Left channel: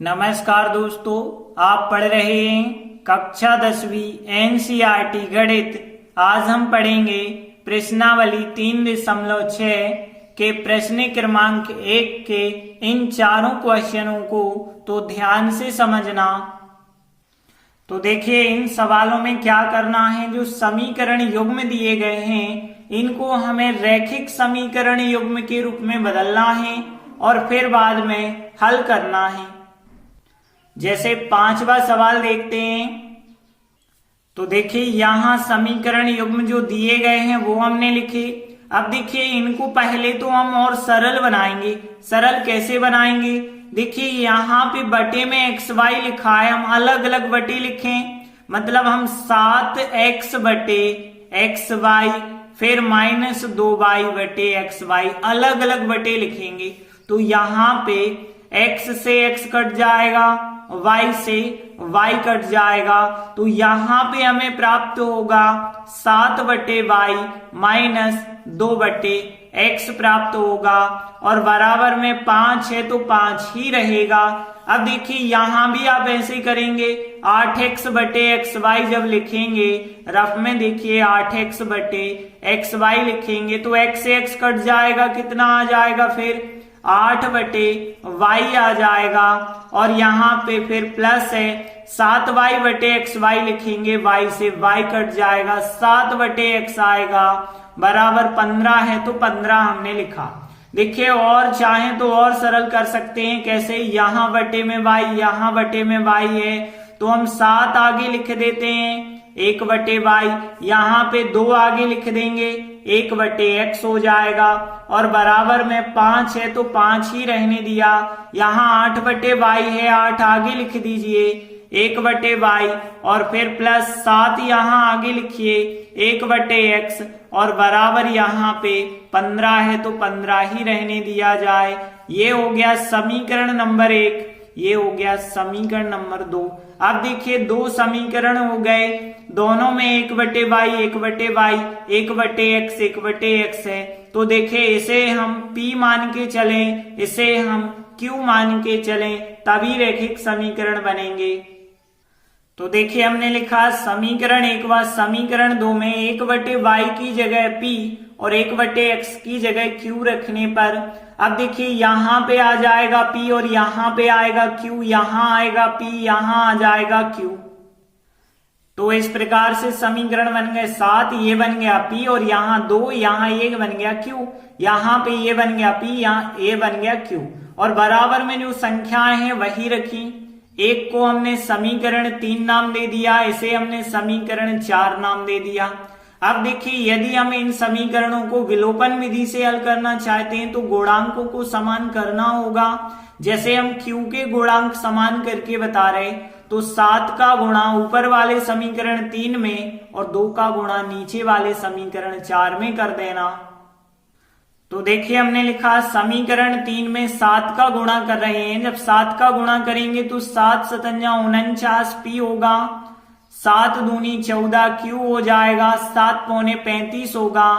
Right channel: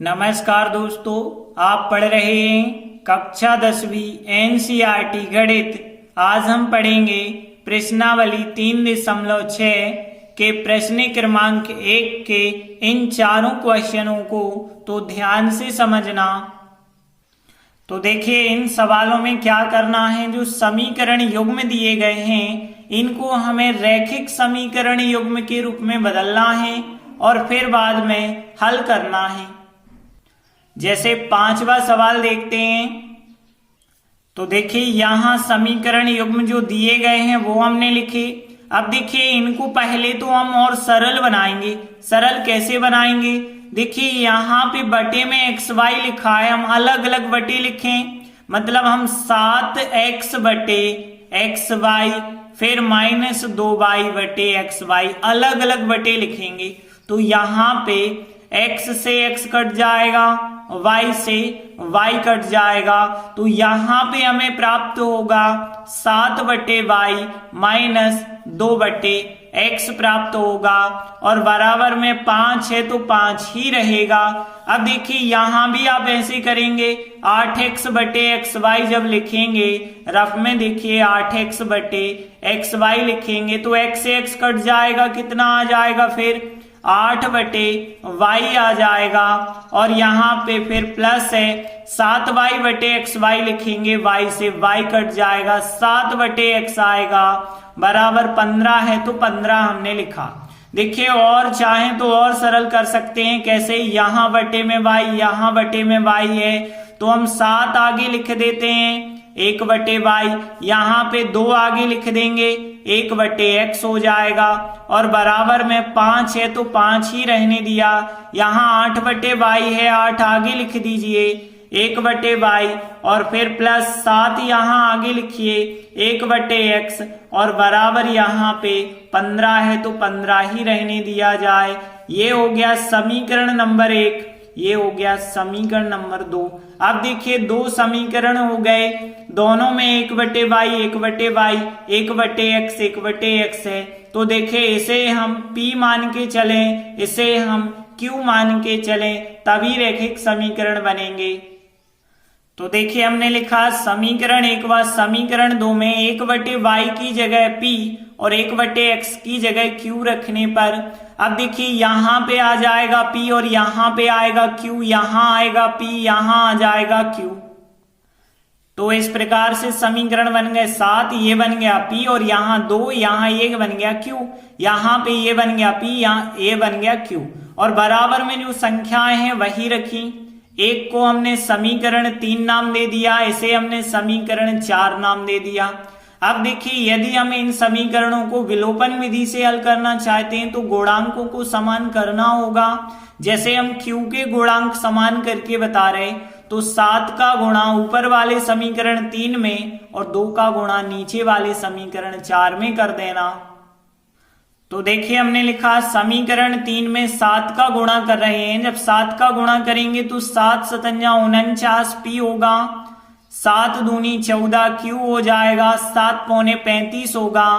नमस्कार दोस्तों, आप पढ़ रहे हैं कक्षा 10वीं एनसीईआरटी गणित। आज हम पढ़ेंगे प्रश्नावली 3.6 के प्रश्न क्रमांक 1 के इन चारों क्वेश्चनों को तो ध्यान से समझना। तो देखिए, इन सवालों में क्या करना है, जो समीकरण युग्म दिए गए हैं इनको हमें रैखिक समीकरण युग्म के रूप में बदलना है और फिर बाद में हल करना है। जैसे 5वां सवाल देखते हैं। तो देखिए, यहां समीकरण युग्म जो दिए गए हैं वो हमने लिखे। अब देखिए, इनको पहले तो हम और सरल बनाएंगे। सरल कैसे बनाएंगे? देखिए, यहाँ पे बटे में एक्स वाई लिखा है, हम अलग अलग बटे लिखें। मतलब हम 7x बटे एक्स वाई फिर -2y बटे एक्स वाई अलग अलग बटे लिखेंगे। तो यहाँ पे x से x कट जाएगा, y से y कट जाएगा। तो यहाँ पे हमें प्राप्त होगा 7 बटे वाई माइनस 2 बटे x प्राप्त होगा और बराबर में 5 है तो 5 ही रहेगा। अब देखिए, यहां भी आप ऐसे करेंगे, 8x बटे एक्स वाई जब लिखेंगे रफ में, देखिए 8x बटे एक्स वाई लिखेंगे तो x से x कट जाएगा, कितना आ जाएगा फिर 8 बटे y आ जाएगा। और यहाँ पे फिर प्लस है 7y बटे एक्स वाई लिखेंगे, y से y कट जाएगा, 7 बटे x आएगा बराबर 15 है तो 15 हमने लिखा। देखिए, और चाहें तो और सरल कर सकते हैं। कैसे? यहाँ बटे में y, यहाँ बटे में y है तो हम 7 आगे लिख देते हैं, 1 बटे वाई, यहाँ पे 2 आगे लिख देंगे, 1 बटे एक्स हो जाएगा और बराबर में 5 है तो 5 ही रहने दिया। यहाँ 8 बटे वाई है, 8 आगे लिख दीजिए, 1 बटे वाई और फिर प्लस 7 यहाँ आगे लिखिए, 1 बटे एक्स और बराबर यहाँ पे 15 है तो 15 ही रहने दिया जाए। ये हो गया समीकरण नंबर 1, ये हो गया समीकरण नंबर 2। अब देखिए, 2 समीकरण हो गए, दोनों में 1 बटे वाई 1 बटे वाई 1 बटे एक्स 1 बटे एक्स है। तो देखिए, इसे हम P मान के चलें, इसे हम Q मान के चलें, तभी रैखिक समीकरण बनेंगे। तो देखिए, हमने लिखा समीकरण 1 व समीकरण 2 में 1 बटे वाई की जगह P और 1 बटे एक्स की जगह Q रखने पर, अब देखिए यहाँ पे आ जाएगा P और यहाँ पे आएगा Q, यहाँ आएगा P, यहाँ आ जाएगा Q। तो इस प्रकार से समीकरण बन गए 7, ये बन गया P और यहाँ 2, यहाँ ये बन गया Q, यहाँ पे ये बन गया P, यहाँ ये बन गया Q और बराबर में जो संख्याएं हैं वही रखी। एक को हमने समीकरण 3 नाम दे दिया, इसे हमने समीकरण 4 नाम दे दिया। अब देखिए, यदि हम इन समीकरणों को विलोपन विधि से हल करना चाहते हैं तो गुणांकों को समान करना होगा। जैसे हम Q के गुणांक समान करके बता रहे, तो 7 का गुणा ऊपर वाले समीकरण 3 में और 2 का गुणा नीचे वाले समीकरण 4 में कर देना। तो देखिए, हमने लिखा समीकरण 3 में 7 का गुणा कर रहे हैं। जब 7 का गुणा करेंगे तो 7 सतंजा 49 P होगा, 7 दूनी 14 Q हो जाएगा, 7 पौने 35 होगा।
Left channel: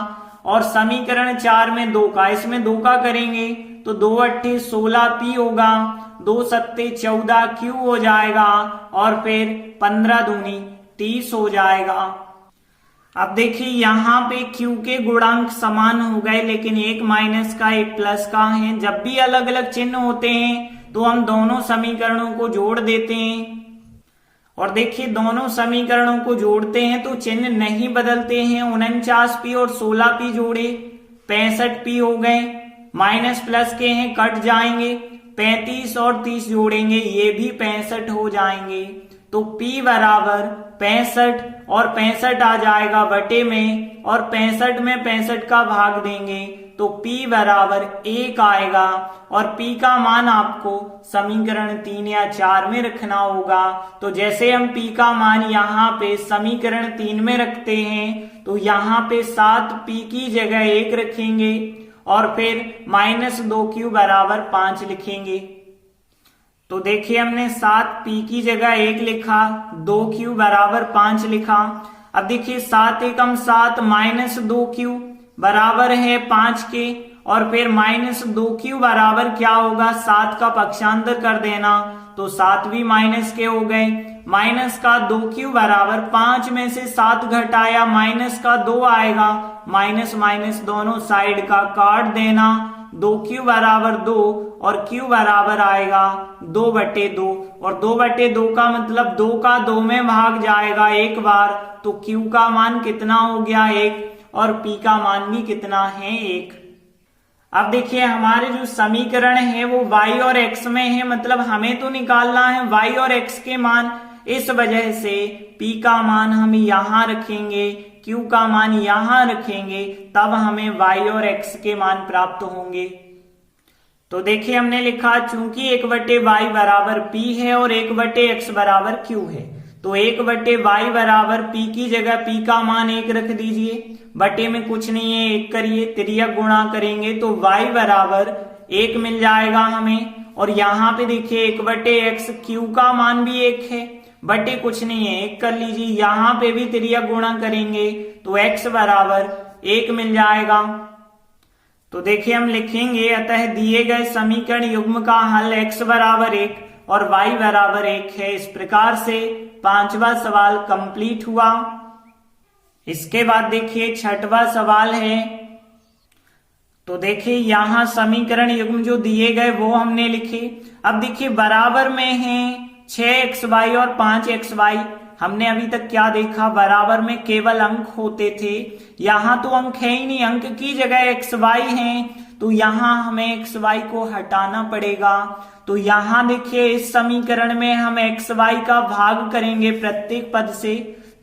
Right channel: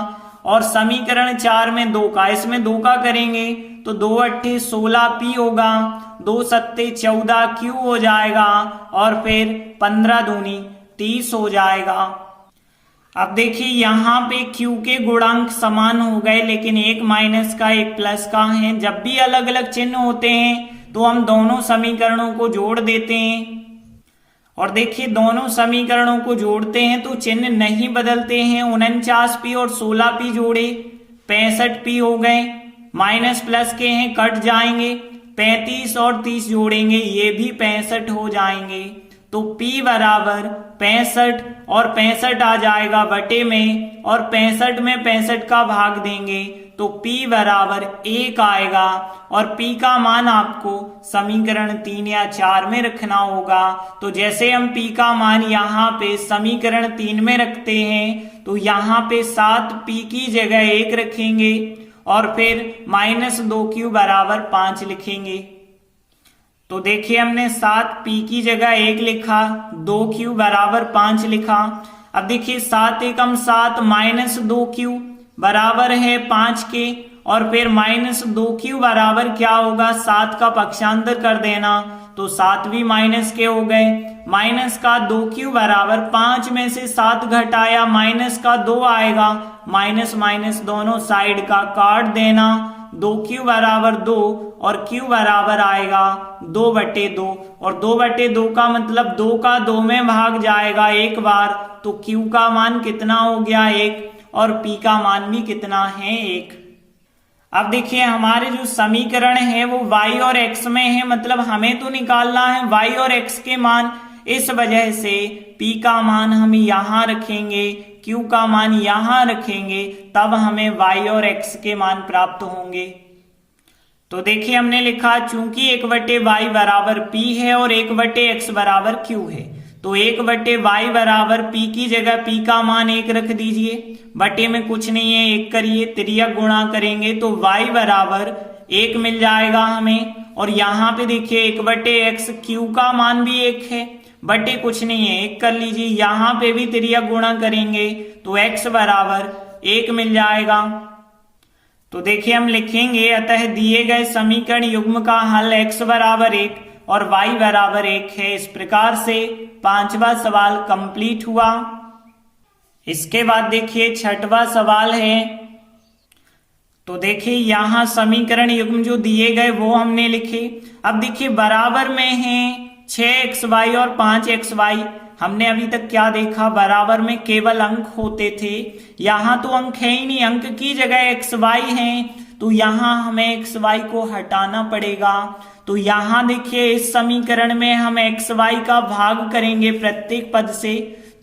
और समीकरण 4 में 2 का, इसमें 2 का करेंगे तो 2 अट्ठे 16 P होगा, 2 सत्ते 14 Q हो जाएगा और फिर 15 दूनी 30 हो जाएगा। अब देखिए, यहाँ पे Q के गुणांक समान हो गए, लेकिन एक माइनस का एक प्लस का है। जब भी अलग अलग चिन्ह होते हैं तो हम दोनों समीकरणों को जोड़ देते हैं। और देखिए, दोनों समीकरणों को जोड़ते हैं तो चिन्ह नहीं बदलते हैं। 49P और 16P जोड़े 65P हो गए, माइनस प्लस के हैं कट जाएंगे, 35 और 30 जोड़ेंगे, ये भी 65 हो जाएंगे। तो P बराबर 65 और 65 आ जाएगा बटे में, और 65 में 65 का भाग देंगे तो P बराबर 1 आएगा। और P का मान आपको समीकरण 3 या 4 में रखना होगा। तो जैसे हम P का मान यहाँ पे समीकरण 3 में रखते हैं तो यहाँ पे 7P की जगह 1 रखेंगे और फिर -2Q बराबर 5 लिखेंगे। तो देखिए, हमने 7P की जगह 1 लिखा, 2Q बराबर 5 लिखा। अब देखिए, 7 एकम 7 -2Q बराबर है 5 के और फिर -2q बराबर क्या होगा, 7 का पक्षांतर कर देना, तो 7 भी माइनस के हो गए। माइनस का 2q बराबर 5 में से 7 घटाया माइनस का 2 आएगा, माइनस माइनस दोनों साइड का काट देना, 2q बराबर 2 और q बराबर आएगा 2/2 और 2/2 का मतलब 2 का 2 में भाग जाएगा एक बार, तो q का मान कितना हो गया 1 और p का मान भी कितना है 1। अब देखिए हमारे जो समीकरण है वो y और x में है, मतलब हमें तो निकालना है y और x के मान, इस वजह से p का मान हम यहां रखेंगे, q का मान यहां रखेंगे, तब हमें y और x के मान प्राप्त होंगे। तो देखिए हमने लिखा चूंकि 1/y बराबर p है और 1/x बराबर q है, तो 1/y बराबर p की जगह p का मान 1 रख दीजिए, बटे में कुछ नहीं है 1 करिए, तिर्यक गुणा करेंगे तो y बराबर 1 मिल जाएगा हमें। और यहाँ पे देखिए 1/x, q का मान भी 1 है, बटे कुछ नहीं है 1 कर लीजिए, यहाँ पे भी तिर्यक गुणा करेंगे तो x बराबर 1 मिल जाएगा। तो देखिए हम लिखेंगे अतः दिए गए समीकरण युग्म का हल x बराबर 1 और y बराबर 1 है। इस प्रकार से 5वां सवाल कंप्लीट हुआ। इसके बाद देखिए 6वां सवाल है। तो देखिए यहां समीकरण युग्म जो दिए गए वो हमने लिखे। अब देखिए बराबर में है 6xy और 5xy। हमने अभी तक क्या देखा, बराबर में केवल अंक होते थे, यहाँ तो अंक है ही नहीं, अंक की जगह xy हैं, तो यहाँ हमें xy को हटाना पड़ेगा। तो यहाँ देखिए इस समीकरण में हम xy का भाग करेंगे प्रत्येक पद से।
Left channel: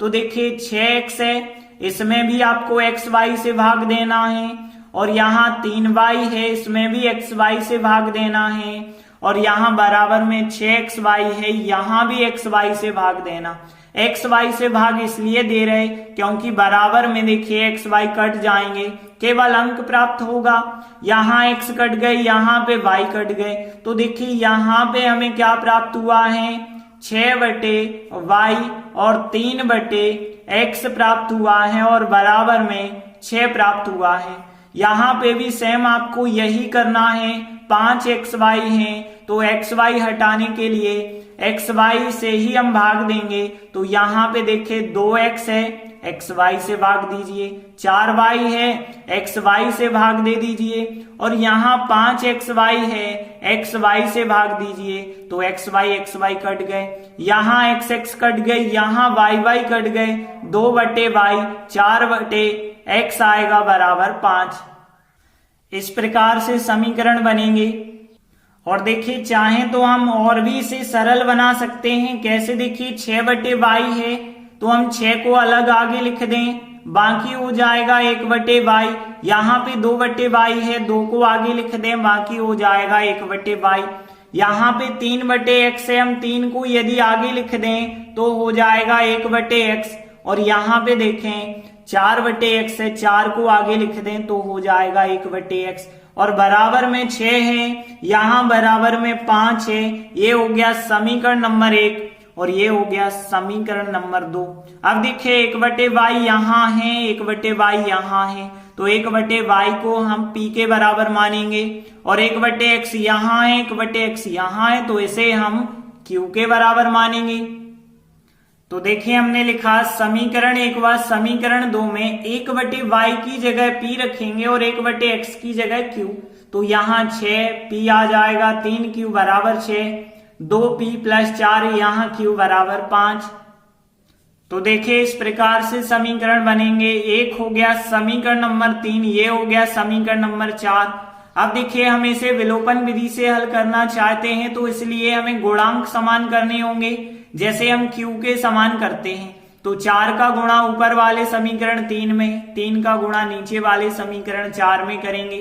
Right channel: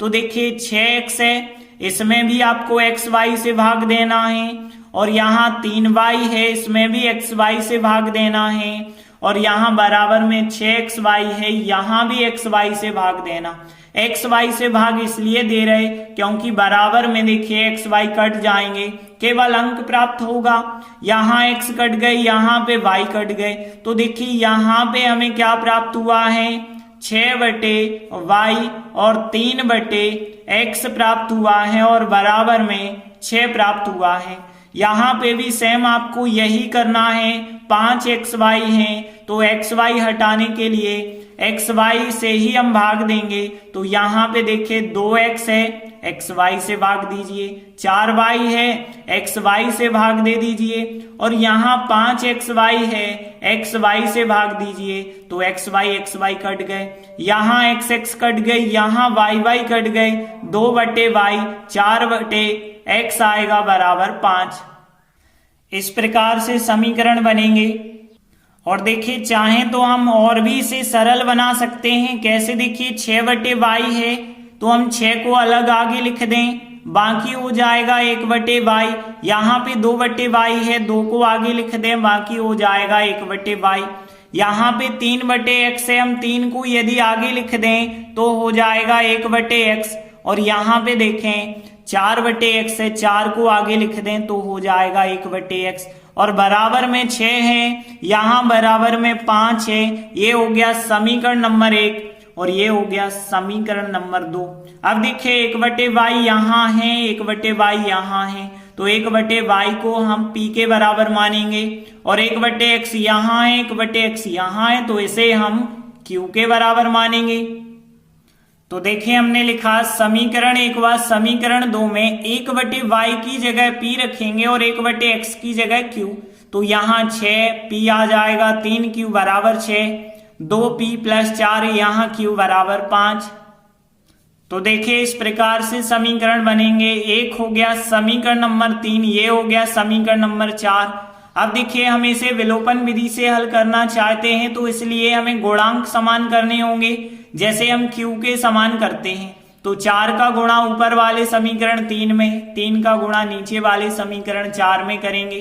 तो देखिए 6x है, इसमें भी आपको xy से भाग देना है, और यहाँ 3y है, इसमें भी xy से भाग देना है, और यहाँ बराबर में 6xy है, यहाँ भी xy से भाग देना। xy से भाग इसलिए दे रहे क्योंकि बराबर में देखिए xy कट जाएंगे, केवल अंक प्राप्त होगा। यहाँ x कट गए, यहाँ पे y कट गए, तो देखिए यहाँ पे हमें क्या प्राप्त हुआ है 6/y और 3/x प्राप्त हुआ है, और बराबर में 6 प्राप्त हुआ है। यहाँ पे भी सेम आपको यही करना है। 5xy है तो xy हटाने के लिए xy से ही हम भाग देंगे। तो यहाँ पे देखिए 2x है, xy से भाग दीजिए, 4y है, xy से भाग दे दीजिए, और यहाँ 5xy है, xy से भाग दीजिए, तो xy कट गए, यहाँ x कट गए, यहाँ y कट गए, 2/y 4/x आएगा बराबर 5। इस प्रकार से समीकरण बनेंगे। और देखिए चाहें तो हम और भी इसे सरल बना सकते हैं। कैसे, देखिए 6/y है तो हम 6 को अलग आगे लिख दें, बाकी हो जाएगा 1/y। यहाँ पे 2/y है, 2 को आगे लिख दें, बाकी हो जाएगा 1/y। यहाँ पे 3/x है, हम 3 को यदि आगे लिख दें तो हो जाएगा 1/x। और यहाँ पे देखें 4/x है, 4 को आगे लिख दें तो हो जाएगा 1/x। और बराबर में 6 है, यहाँ बराबर में 5 है। ये हो गया समीकरण नंबर 1 और ये हो गया समीकरण नंबर 2। अब देखिए 1/y यहाँ है, 1/y यहाँ है, तो 1/y को हम p के बराबर मानेंगे, और 1/x यहाँ है, 1/x यहाँ है, तो इसे हम q के बराबर मानेंगे। तो देखिए हमने लिखा समीकरण 1 व समीकरण 2 में 1/y की जगह p रखेंगे और 1/x की जगह q। तो यहाँ 6p आ जाएगा, 3q बराबर 6, 2p + 4 यहाँ q बराबर 5। तो देखिए इस प्रकार से समीकरण बनेंगे। एक हो गया समीकरण नंबर 3, ये हो गया समीकरण नंबर 4। अब देखिए हम इसे विलोपन विधि से हल करना चाहते हैं, तो इसलिए हमें गुणांक समान करने होंगे, जैसे हम q के समान करते हैं। तो 4 का गुणा ऊपर वाले समीकरण 3 में, 3 का गुणा नीचे वाले समीकरण 4 में करेंगे।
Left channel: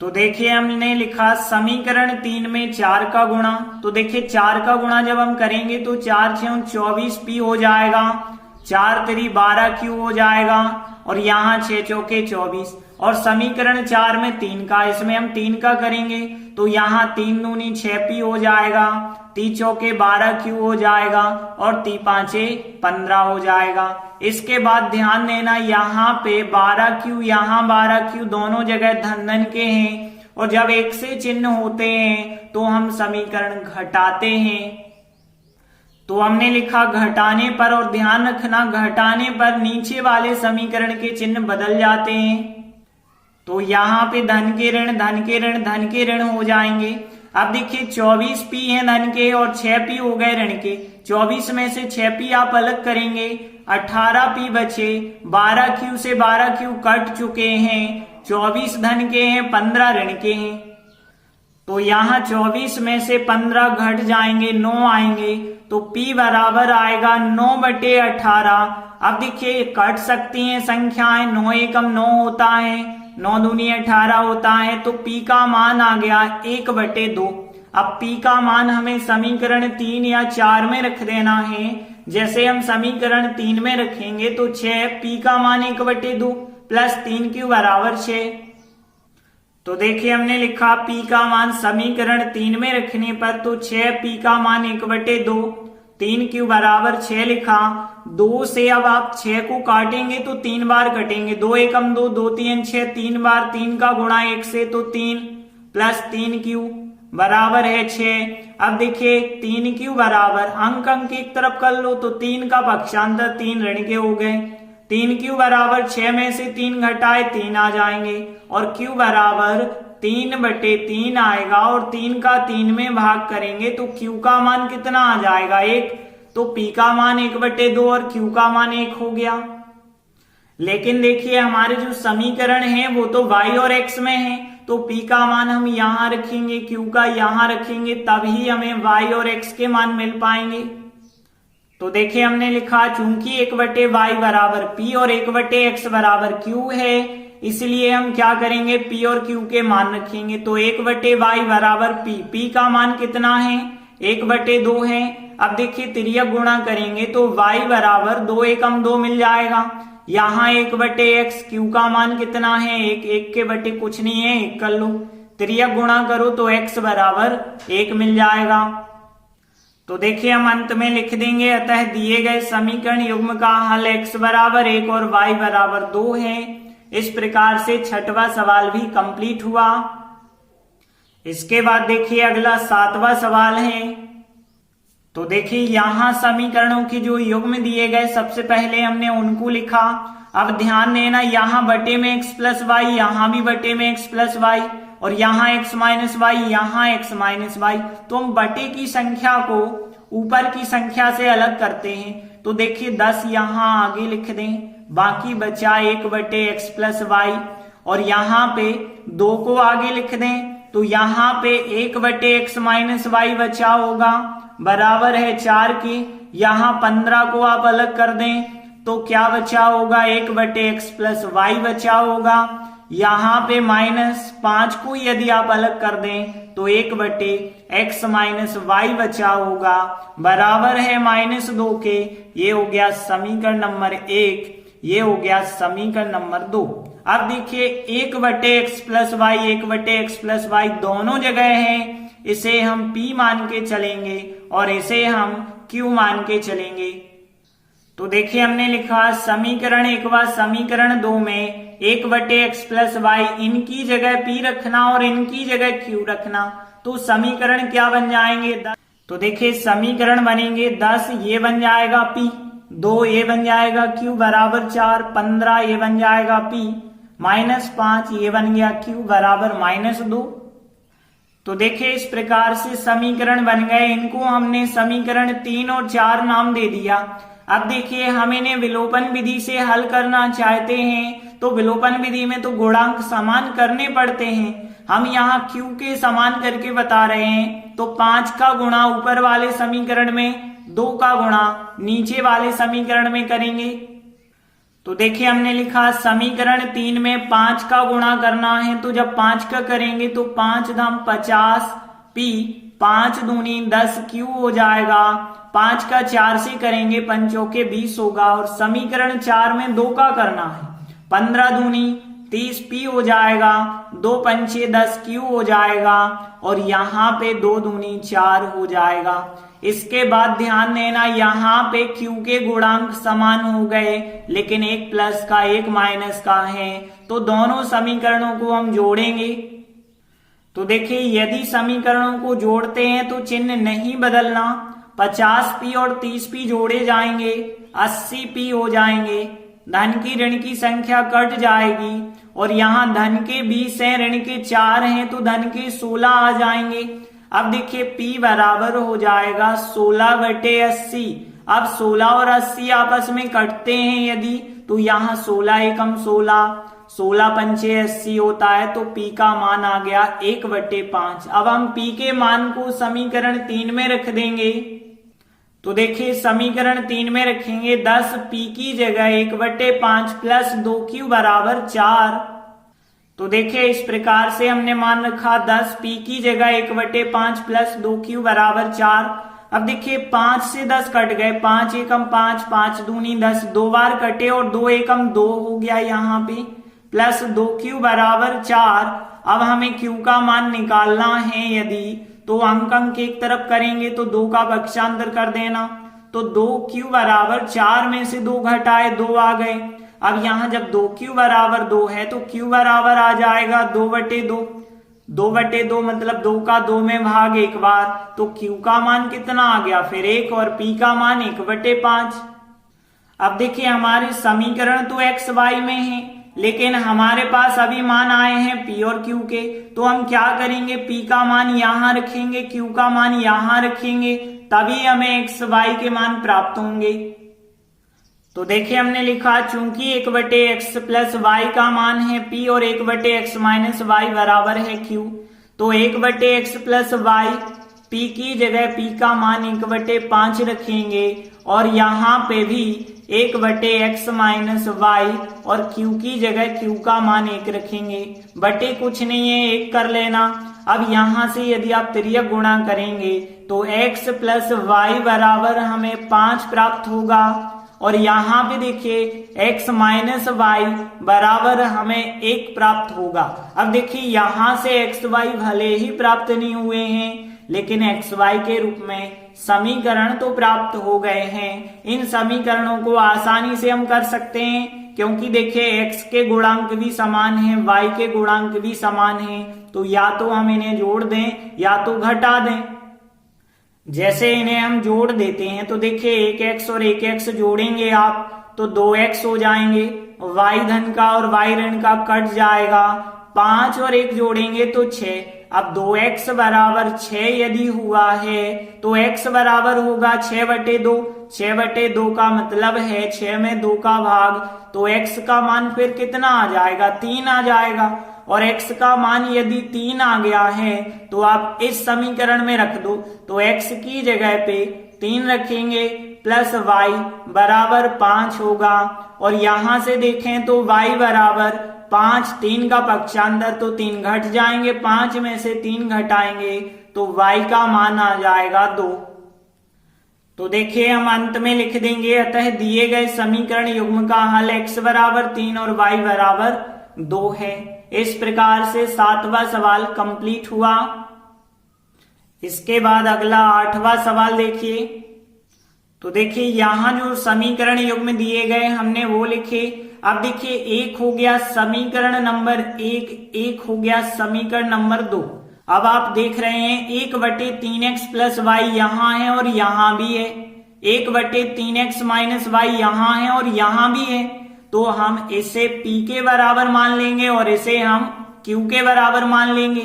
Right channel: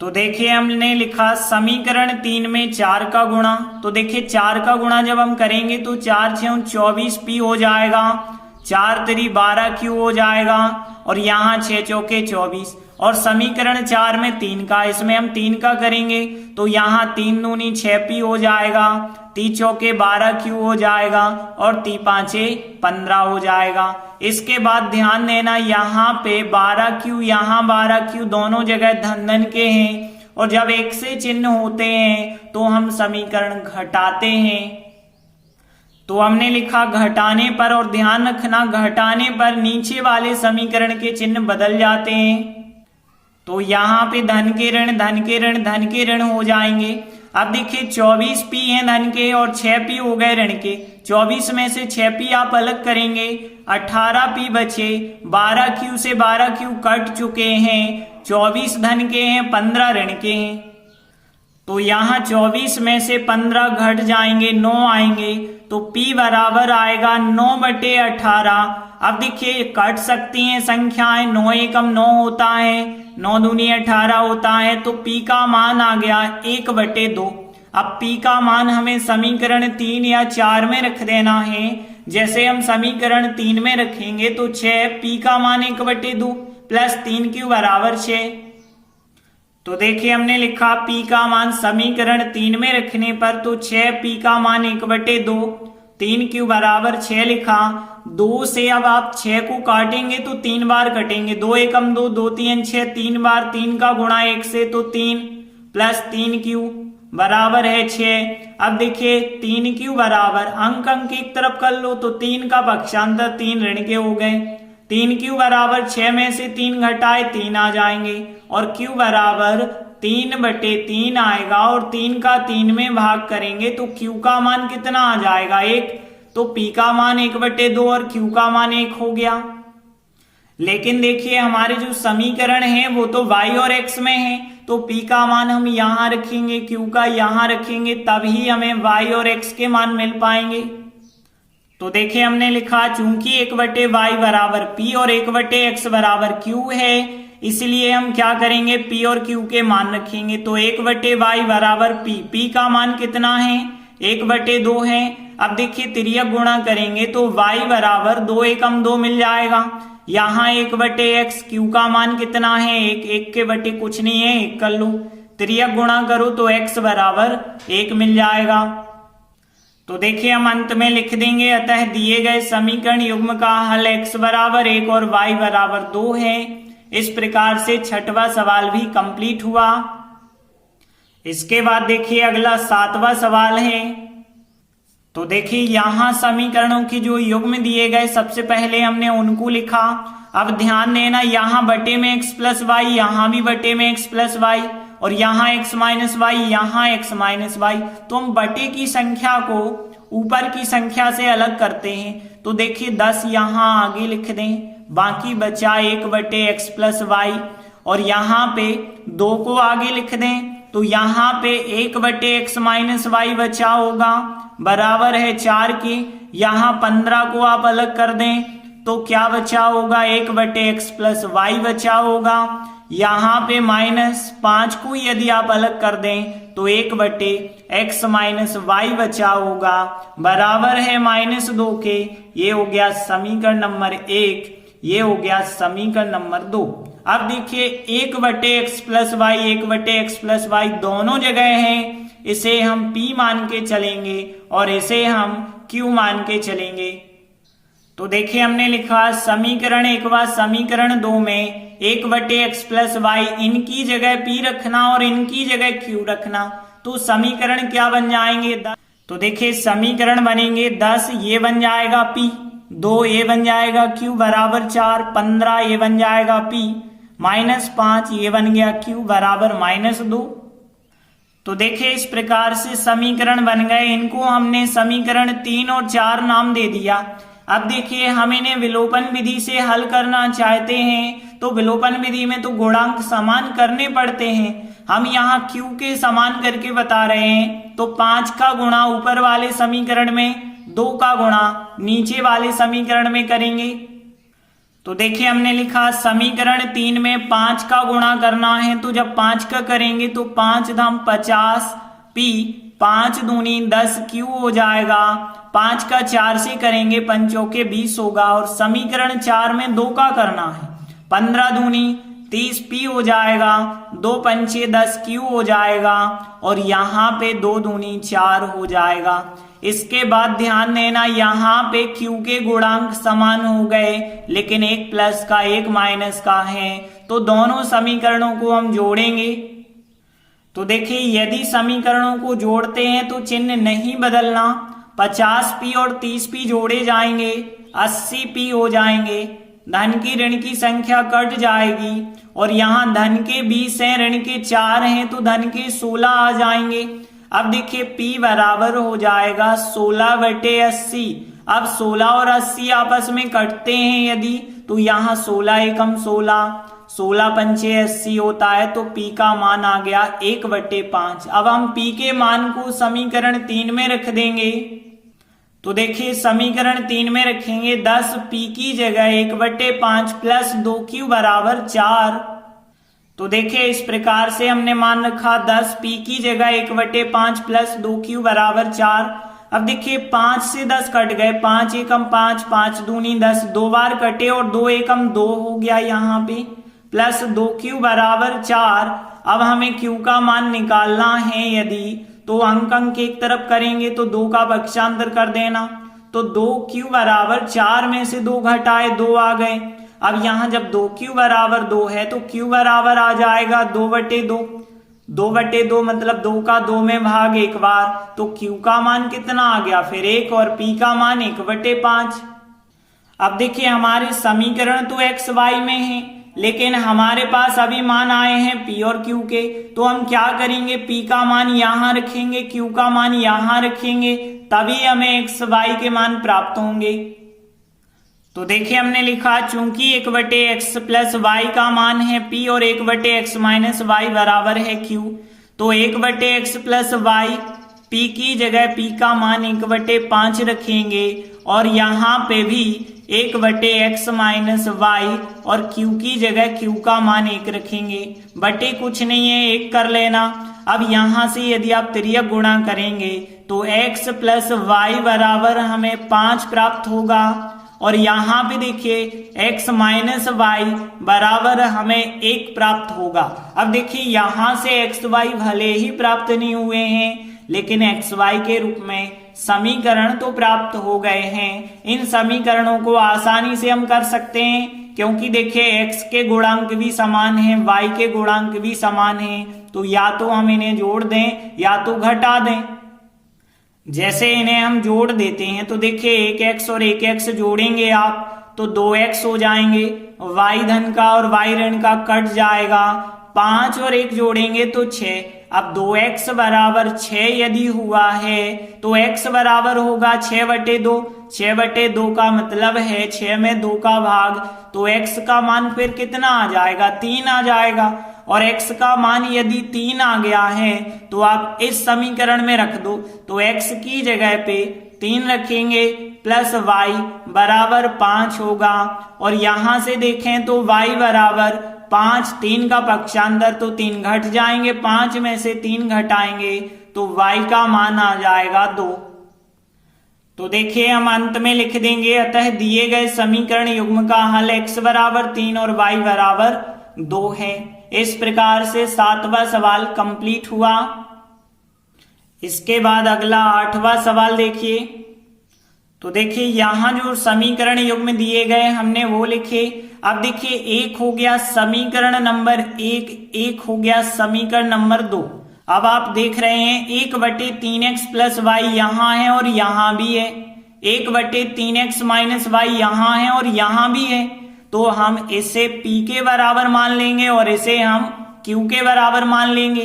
तो देखिए हमने लिखा समीकरण 3 में 4 का गुणा। तो देखिए 4 का गुणा जब हम करेंगे तो 4 × 6 = 24p हो जाएगा, 4 × 3 = 12q हो जाएगा, और यहाँ 6 × 4 = 24। और समीकरण 4 में 3 का, इसमें हम 3 का करेंगे तो यहाँ 3 दूनी 6p हो जाएगा, 3 चौके 12q हो जाएगा और 3 पांचे 15 हो जाएगा। इसके बाद ध्यान देना यहाँ पे 12q यहाँ 12q दोनों जगह धन धन के हैं और जब एक से चिन्ह होते हैं तो हम समीकरण घटाते हैं। तो हमने लिखा घटाने पर, और ध्यान रखना घटाने पर नीचे वाले समीकरण के चिन्ह बदल जाते हैं। तो यहाँ पे धन के ऋण धन के ऋण धन के ऋण हो जाएंगे। अब देखिए 24p है धन के और 6p हो गए ऋण के। 24 में से 6p आप अलग करेंगे, 18p बचे, 12q से 12q कट चुके हैं, 24 धन के हैं, 15 ऋण के हैं। तो यहाँ 24 में से 15 घट जाएंगे, 9 आएंगे, तो p बराबर आएगा 9/18। अब देखिए कट सकती हैं संख्याएं, 9 एकम 9 होता है, 9 दूनी 18 होता है, तो p का मान आ गया 1/2। अब p का मान हमें समीकरण 3 या 4 में रख देना है। जैसे हम समीकरण 3 में रखेंगे तो 6, p का मान 1/2 प्लस 3q बराबर 6। तो देखिए हमने लिखा p का मान समीकरण 3 में रखने पर तो 6p का मान 1/2, 3q बराबर 6 लिखा। 2 से अब आप 6 को काटेंगे तो 3 बार कटेंगे, 2 एकम 2, 2 3 6, 3 बार 3 का गुणा 1 से तो 3 प्लस 3q बराबर है 6। अब देखिए 3q बराबर अंक एक तरफ कर लो तो 3 का पक्षांतर 3 ऋण के हो गए, 3q बराबर 6 में से 3 घटाए 3 आ जाएंगे और q बराबर 3/3 आएगा और 3 का 3 में भाग करेंगे तो q का मान कितना आ जाएगा 1। तो p का मान 1/2 और q का मान 1 हो गया। लेकिन देखिए हमारे जो समीकरण है वो तो y और x में है, तो p का मान हम यहाँ रखेंगे, q का यहाँ रखेंगे, तभी हमें y और x के मान मिल पाएंगे। तो देखिए हमने लिखा चूंकि 1/y बराबर p और 1/x बराबर q है, इसलिए हम क्या करेंगे p और q के मान रखेंगे। तो 1/y बराबर p का मान कितना है 1/2 है। अब देखिए तिर्यक गुणा करेंगे तो y बराबर 2 एकम 2 मिल जाएगा, यहाँ 1/x, q का मान कितना है 1, 1 के बटे कुछ नहीं है 1 कर लो, तिर्यक गुणा करो तो x बराबर 1 मिल जाएगा। तो देखिए हम अंत में लिख देंगे, अतः दिए गए समीकरण युग्म का हल x बराबर 1 और y बराबर 2 है। इस प्रकार से छठवां सवाल भी कंप्लीट हुआ। इसके बाद देखिए अगला 7वां सवाल है। तो देखिए यहाँ समीकरणों की जो युग्म दिए गए सबसे पहले हमने उनको लिखा। अब ध्यान देना यहाँ बटे में x प्लस वाई, यहाँ भी बटे में x प्लस वाई और यहाँ x माइनस वाई, यहाँ x माइनस वाई। तो हम बटे की संख्या को ऊपर की संख्या से अलग करते हैं। तो देखिए 10 यहाँ आगे लिख दें, बाकी बचा 1/x प्लस वाई और यहाँ पे 2 को आगे लिख दें तो यहाँ पे 1/x माइनस वाई बचा होगा बराबर है 4 की। यहाँ 15 को आप अलग कर दें तो क्या बचा होगा 1/x प्लस वाई बचा होगा। यहाँ पे -5 को यदि आप अलग कर दें तो 1/x माइनस वाई बचा होगा बराबर है -2 के। ये हो गया समीकरण नंबर 1, ये हो गया समीकरण नंबर 2। अब देखिए 1/x plus Y, 1/x plus Y दोनों जगह है, इसे हम p मान के चलेंगे और इसे हम q मान के चलेंगे। तो देखिए हमने लिखा समीकरण 1 व समीकरण 2 में 1/x प्लस वाई, इनकी जगह p रखना और इनकी जगह q रखना। तो समीकरण क्या बन जाएंगे 10। तो देखिए समीकरण बनेंगे 10, ये बन जाएगा p, 2 ये बन जाएगा q बराबर 4, 15 ये बन जाएगा p, -5 ये बन गया q बराबर -2। तो देखिए इस प्रकार से समीकरण बन गए। इनको हमने समीकरण 3 और 4 नाम दे दिया। अब देखिए हम इन्हें विलोपन विधि से हल करना चाहते हैं तो विलोपन विधि में तो गुणांक समान करने पड़ते हैं। हम यहाँ q के समान करके बता रहे हैं। तो 5 का गुणा ऊपर वाले समीकरण में, 2 का गुणा नीचे वाले समीकरण में करेंगे। तो देखिए हमने लिखा समीकरण 3 में 5 का गुणा करना है, तो जब 5 का करेंगे तो 5 धाम 50 p, 5 दूनी 10 q हो जाएगा। 5 का 4 से करेंगे 5 चौके 20 होगा और समीकरण 4 में 2 का करना है, 15 दूनी 30 पी हो जाएगा, 2 पंचे 10 क्यू हो जाएगा और यहाँ पे 2 दूनी 4 हो जाएगा। इसके बाद ध्यान देना यहाँ पे क्यू के गुणांक समान हो गए, लेकिन एक प्लस का एक माइनस का है, तो दोनों समीकरणों को हम जोड़ेंगे। तो देखिए यदि समीकरणों को जोड़ते हैं तो चिन्ह नहीं बदलना, 50p और 30p जोड़े जाएंगे, 80p हो जाएंगे, धन की ऋण की संख्या कट जाएगी और यहाँ धन के 20 हैं, ऋण के 4 हैं, तो धन के 16 आ जाएंगे। अब देखिए p बराबर हो जाएगा 16/80। अब 16 और 80 आपस में कटते हैं यदि, तो यहाँ 16 एकम 16, 16 पंचे 80 होता है, तो p का मान आ गया 1/5। अब हम p के मान को समीकरण 3 में रख देंगे। तो देखिए समीकरण 3 में रखेंगे 10p की जगह 1/5 प्लस 2q बराबर 4। तो देखिए इस प्रकार से हमने मान रखा 10p की जगह 1/5 प्लस 2q बराबर 4। अब देखिए 5 से 10 कट गए, 5 एकम 5, 5 दूनी 10, 2 बार कटे और 2 एकम 2 हो गया यहाँ पे, प्लस 2q बराबर 4। अब हमें q का मान निकालना है यदि, तो अंक एक तरफ करेंगे तो 2 का पक्षांतर कर देना, तो 2q बराबर 4 में से 2 घटाए 2 आ गए। अब यहाँ जब 2q बराबर 2 है तो q बराबर आ जाएगा 2/2, 2/2 मतलब 2 का 2 में भाग एक बार, तो q का मान कितना आ गया फिर 1 और p का मान 1/5। अब देखिए हमारे समीकरण तो x y में है, लेकिन हमारे पास अभी मान आए हैं p और q के, तो हम क्या करेंगे, p का मान यहाँ रखेंगे, q का मान यहाँ रखेंगे, तभी हमें x y के मान प्राप्त होंगे। तो देखिए हमने लिखा चूंकि 1/x प्लस y का मान है p और 1/x माइनस y बराबर है q, तो 1/x प्लस y p की जगह p का मान 1/5 रखेंगे और यहाँ पे भी 1/x माइनस y और q की जगह q का मान 1 रखेंगे। बटे कुछ नहीं है, 1 कर लेना। अब यहाँ से यदि आप तिर्यक गुणा करेंगे तो x प्लस y बराबर हमें 5 प्राप्त होगा और यहाँ पे देखिए x माइनस y बराबर हमें 1 प्राप्त होगा। अब देखिए यहाँ से x y भले ही प्राप्त नहीं हुए हैं, लेकिन x y के रूप में समीकरण तो प्राप्त हो गए हैं। इन समीकरणों को आसानी से हम कर सकते हैं, क्योंकि देखिए x के गुणांक भी समान हैं, y के गुणांक भी समान हैं, तो या तो हम इन्हें जोड़ दें या तो घटा दें। जैसे इन्हें हम जोड़ देते हैं तो देखिए 1x और 1x जोड़ेंगे आप तो 2x हो जाएंगे, y धन का और y ऋण का कट जाएगा, 5 और 1 जोड़ेंगे तो 6। अब 2x बराबर 6 यदि हुआ है तो x बराबर होगा 6/2, 6/2 का मतलब है 6 में 2 का भाग, तो x का मान फिर कितना आ जाएगा, 3 आ जाएगा। और x का मान यदि 3 आ गया है तो आप इस समीकरण में रख दो, तो x की जगह पे 3 रखेंगे प्लस y बराबर 5 होगा और यहां से देखें तो y बराबर 5, 3 का पक्षांतर तो 3 घट जाएंगे, 5 में से 3 घटाएंगे तो y का मान आ जाएगा 2। तो देखिए हम अंत में लिख देंगे, अतः दिए गए समीकरण युग्म का हल x बराबर 3 और y बराबर 2 है। इस प्रकार से 7वां सवाल कंप्लीट हुआ। इसके बाद अगला 8वां सवाल देखिए। तो देखिए यहाँ जो समीकरण युग्म दिए गए हमने वो लिखे। अब देखिए एक हो गया समीकरण नंबर 1, एक हो गया समीकरण नंबर 2। अब आप देख रहे हैं 1/3x प्लस y यहाँ है और यहाँ भी है, 1/3x माइनस y यहाँ है और यहाँ भी है, तो हम इसे p के बराबर मान लेंगे और इसे हम q के बराबर मान लेंगे।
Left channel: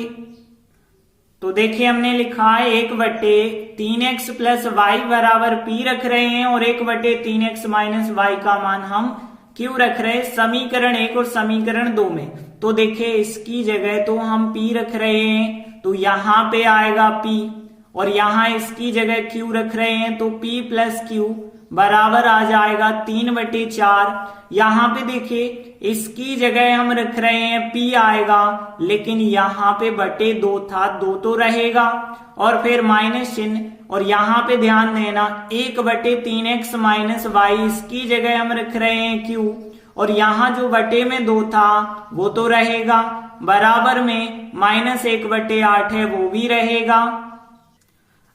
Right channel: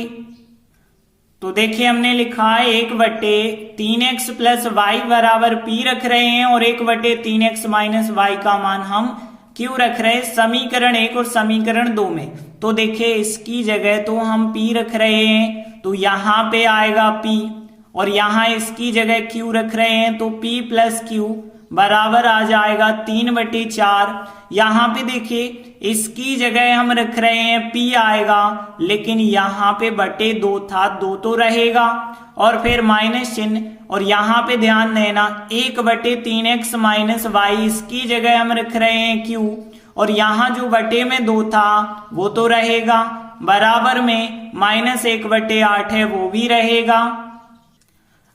तो देखिए हमने लिखा है 1/3x प्लस y बराबर p रख रहे हैं और 1/3x माइनस y का मान हम q रख रहे हैं समीकरण 1 और समीकरण 2 में। तो देखिए इसकी जगह तो हम p रख रहे हैं तो यहाँ पे आएगा p और यहाँ इसकी जगह q रख रहे हैं तो p प्लस q बराबर आ जाएगा 3/4। यहाँ पे देखिए इसकी जगह हम रख रहे हैं p आएगा, लेकिन यहाँ पे बटे 2 था, 2 तो रहेगा और फिर माइनस चिन्ह, और यहाँ पे ध्यान देना 1/3x माइनस y, इसकी जगह हम रख रहे हैं q और यहाँ जो बटे में 2 था वो तो रहेगा, बराबर में -1/8 है वो भी रहेगा।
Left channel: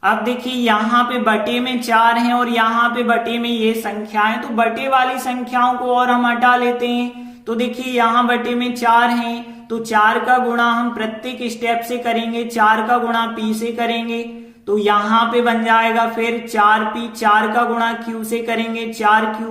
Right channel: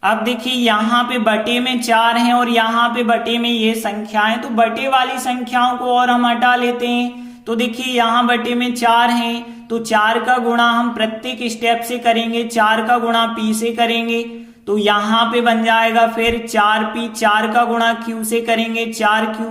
अब देखिए यहाँ पे बटे में 4 है और यहाँ पे बटे में ये संख्याएं, तो बटे वाली संख्याओं को और हम हटा लेते हैं। तो देखिए यहाँ बटे में 4 है तो 4 का गुणा हम प्रत्येक स्टेप से करेंगे, 4 का गुणा p से करेंगे तो यहाँ पे बन जाएगा फिर 4p, 4 का गुणा q से करेंगे 4q,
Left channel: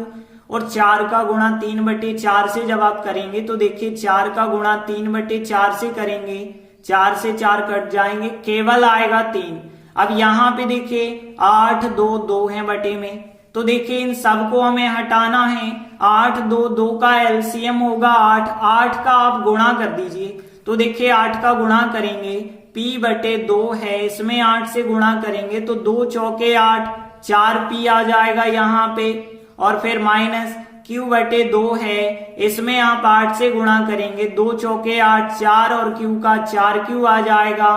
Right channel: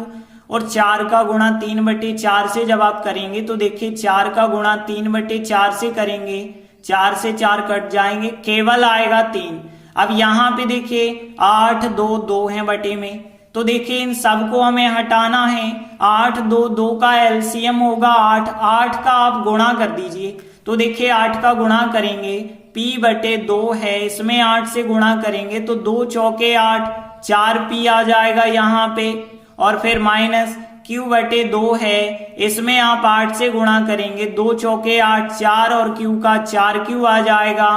और 4 का गुणा 3/4 से जब आप करेंगे तो देखिए 4 का गुणा 3/4 से करेंगे, 4 से 4 कट जाएंगे, केवल आएगा 3। अब यहाँ पे देखिए 8 2 2 है बटे में, तो देखिए इन सबको हमें हटाना है। 8 2 2 का एलसीएम होगा 8, 8 का आप गुणा कर दीजिए, तो देखिए 8 का गुणा करेंगे p/2 है, इसमें 8 से गुणा करेंगे तो 2 चौके 8, 4p आ जाएगा यहाँ पे, और फिर माइनस q/2 है, इसमें आप 8 से गुणा करेंगे, 2 चौके 8, 4 और q का 4q आ जाएगा,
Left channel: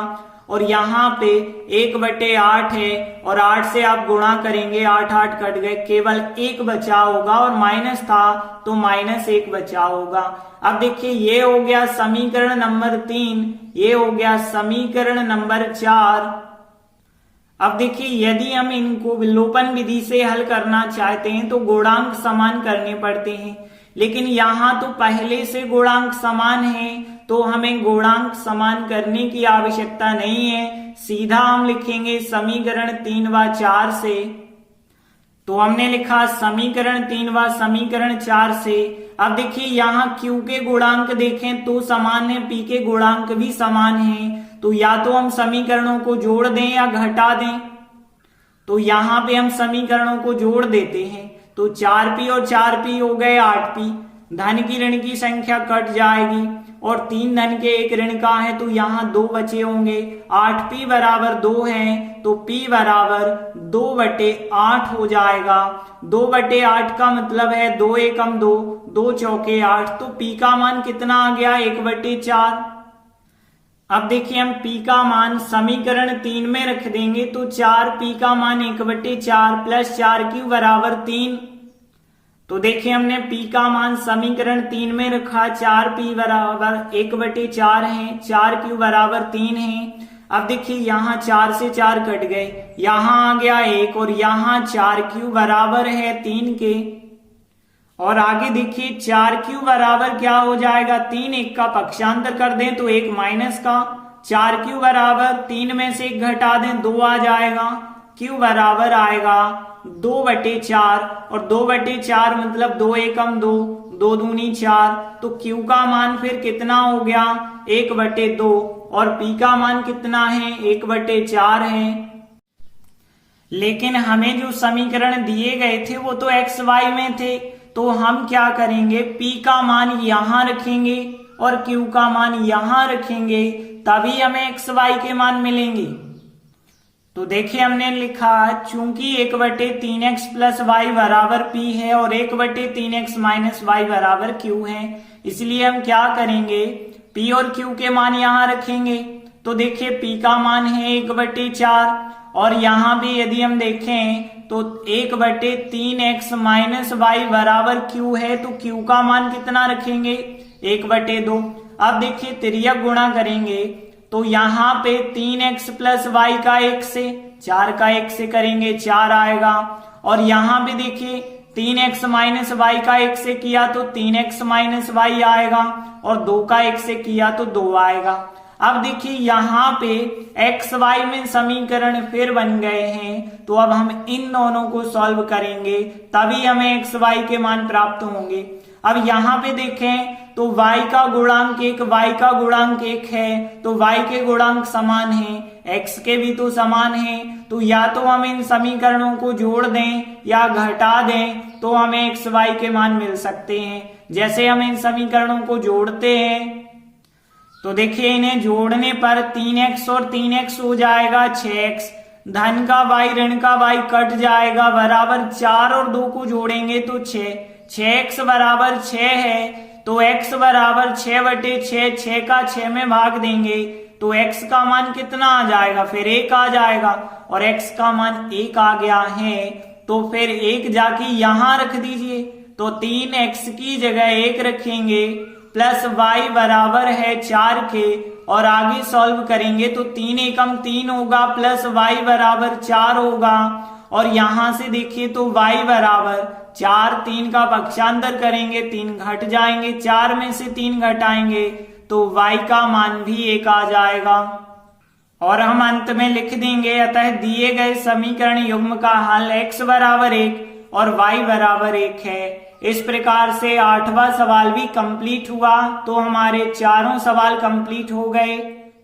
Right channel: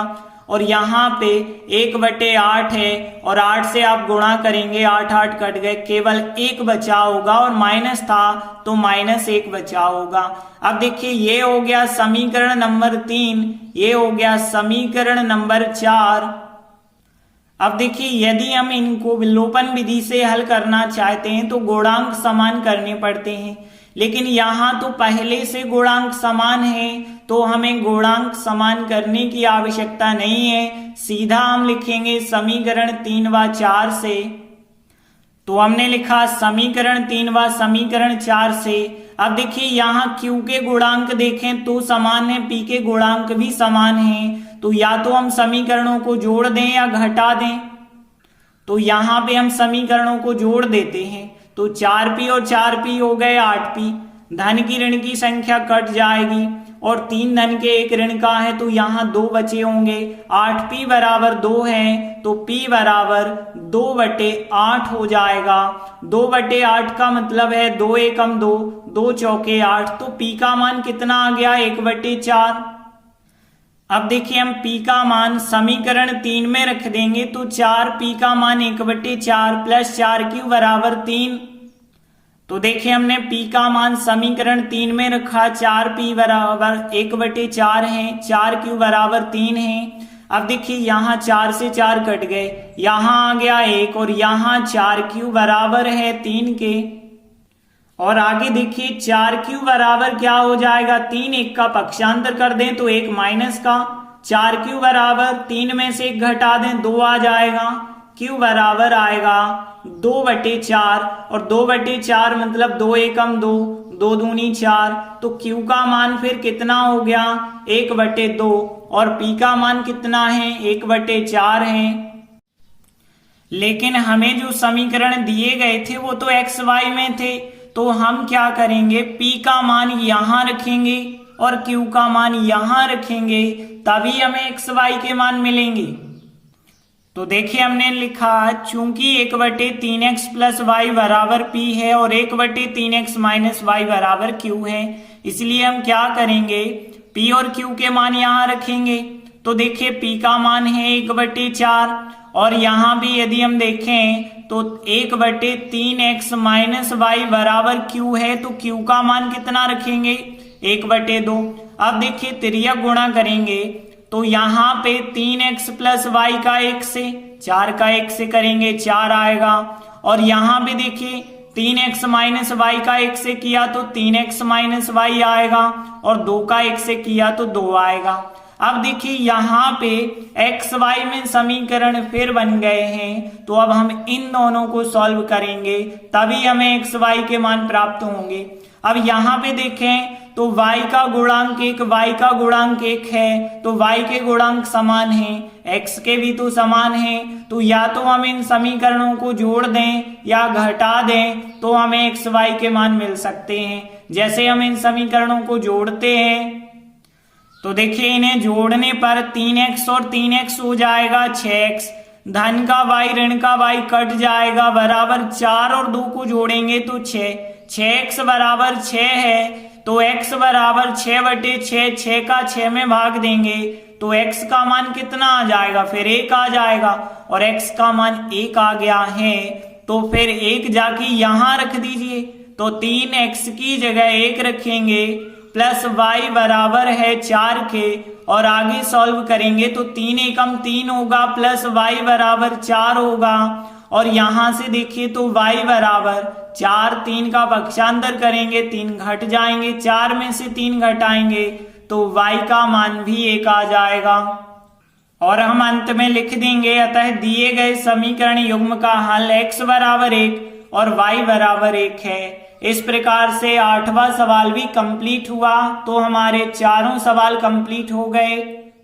और यहाँ पे 1/8 है और 8 से आप गुणा करेंगे, 8 8 कट गए, केवल 1 बचा होगा, और माइनस था तो -1 बचा होगा। अब देखिए ये हो गया समीकरण नंबर 3, ये हो गया समीकरण नंबर 4। अब देखिए यदि हम इनको विलोपन विधि से हल करना चाहते हैं तो गुणांक समान करने पड़ते हैं, लेकिन यहाँ तो पहले से गुणांक समान है तो हमें गुणांक समान करने की आवश्यकता नहीं है, सीधा हम लिखेंगे समीकरण 3 व 4 से। तो हमने लिखा समीकरण 3 व समीकरण 4 से। अब देखिए यहाँ q के गुणांक देखें तो समान है, p के गुणांक भी समान है, तो या तो हम समीकरणों को जोड़ दें या घटा दें। तो यहाँ पे हम समीकरणों को जोड़ देते हैं, तो 4p और 4p हो गए 8p, धन की ऋण की संख्या कट जाएगी और 3 धन के 1 ऋण का है तो यहाँ 2 बचे होंगे, 8p बराबर 2 है तो p बराबर 2/8 हो जाएगा। 2/8 का मतलब है 2 एकम 2, 2 चौके 8, तो p का मान कितना आ गया 1/4। अब देखिए हम p का मान समीकरण 3 में रख देंगे तो 4p का मान 1/4 प्लस 4q बराबर 3। तो देखिए हमने p का मान समीकरण 3 में रखा, 4p बराबर 1/4 है, 4q बराबर 3 है। अब देखिए यहाँ 4 से 4 कट गए, यहाँ आ गया 1 और यहाँ 4q बराबर है 3 के, और आगे देखिए 4q बराबर क्या हो जाएगा 3, 1 का पक्षांतर कर दें तो 1 माइनस का, 4q बराबर 3 में से 1 घटा दें 2 आ जाएगा, q बराबर आएगा 2/4, और 2/4 मतलब 2 एकम 2, 2 दूनी 4, तो q का मान फिर कितना हो गया 1/2, और p का मान कितना है 1/4 है। लेकिन हमें जो समीकरण दिए गए थे वो तो x y में थे, तो हम क्या करेंगे p का मान यहाँ रखेंगे और q का मान यहाँ रखेंगे, तभी हमें x y के मान मिलेंगे। तो देखिए हमने लिखा चूंकि 1/3x प्लस y बराबर p है और 1/3x माइनस y बराबर q है, इसलिए हम क्या करेंगे p और q के मान यहाँ रखेंगे। तो देखिए p का मान है 1/4, और यहाँ भी यदि हम देखें तो 1/3x माइनस y बराबर q है, तो q का मान कितना रखेंगे 1/2। अब देखिए तिर्यक गुणा करेंगे तो यहाँ पे 3x प्लस y का 1 से, 4 का 1 से करेंगे 4 आएगा, और यहाँ भी देखिए 3x माइनस y का 1 से किया तो 3x माइनस y आएगा, और 2 का 1 से किया तो 2 आएगा। अब देखिए यहाँ पे x y में समीकरण फिर बन गए हैं, तो अब हम इन दोनों को सॉल्व करेंगे तभी हमें x y के मान प्राप्त होंगे। अब यहाँ पे देखें तो y का गुणांक 1, y का गुणांक 1 है, तो y के गुणांक समान हैं, x के भी तो समान हैं, तो या तो हम इन समीकरणों को जोड़ दें या घटा दें तो हमें x y के मान मिल सकते हैं। जैसे हम इन समीकरणों को जोड़ते हैं तो देखिए इन्हें जोड़ने पर 3x और 3x हो जाएगा 6x, धन का y ऋण का y कट जाएगा, बराबर 4 और 2 को जोड़ेंगे तो 6, 6x बराबर 6 है, तो x बराबर 6/6, 6 का 6 में भाग देंगे तो x का मान कितना आ जाएगा फिर 1 आ जाएगा, और x का मान 1 आ गया है तो फिर 1 जाके यहाँ रख दीजिए, तो 3x की जगह 1 रखेंगे प्लस y बराबर है 4 के, और आगे सॉल्व करेंगे तो 3 एकम 3 होगा प्लस y बराबर 4 होगा, और यहां से देखिए तो y बराबर 4, 3 का पक्षांतर करेंगे 3 घट जाएंगे, 4 में से 3 घटाएंगे तो y का मान भी 1 आ जाएगा। और हम अंत में लिख देंगे अतः दिए गए समीकरण युग्म का हल x बराबर 1 और y बराबर 1 है। इस प्रकार से 8वां सवाल भी कंप्लीट हुआ। तो हमारे चारों सवाल कंप्लीट हो गए।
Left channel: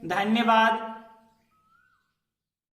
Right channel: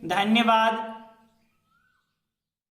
धन्यवाद।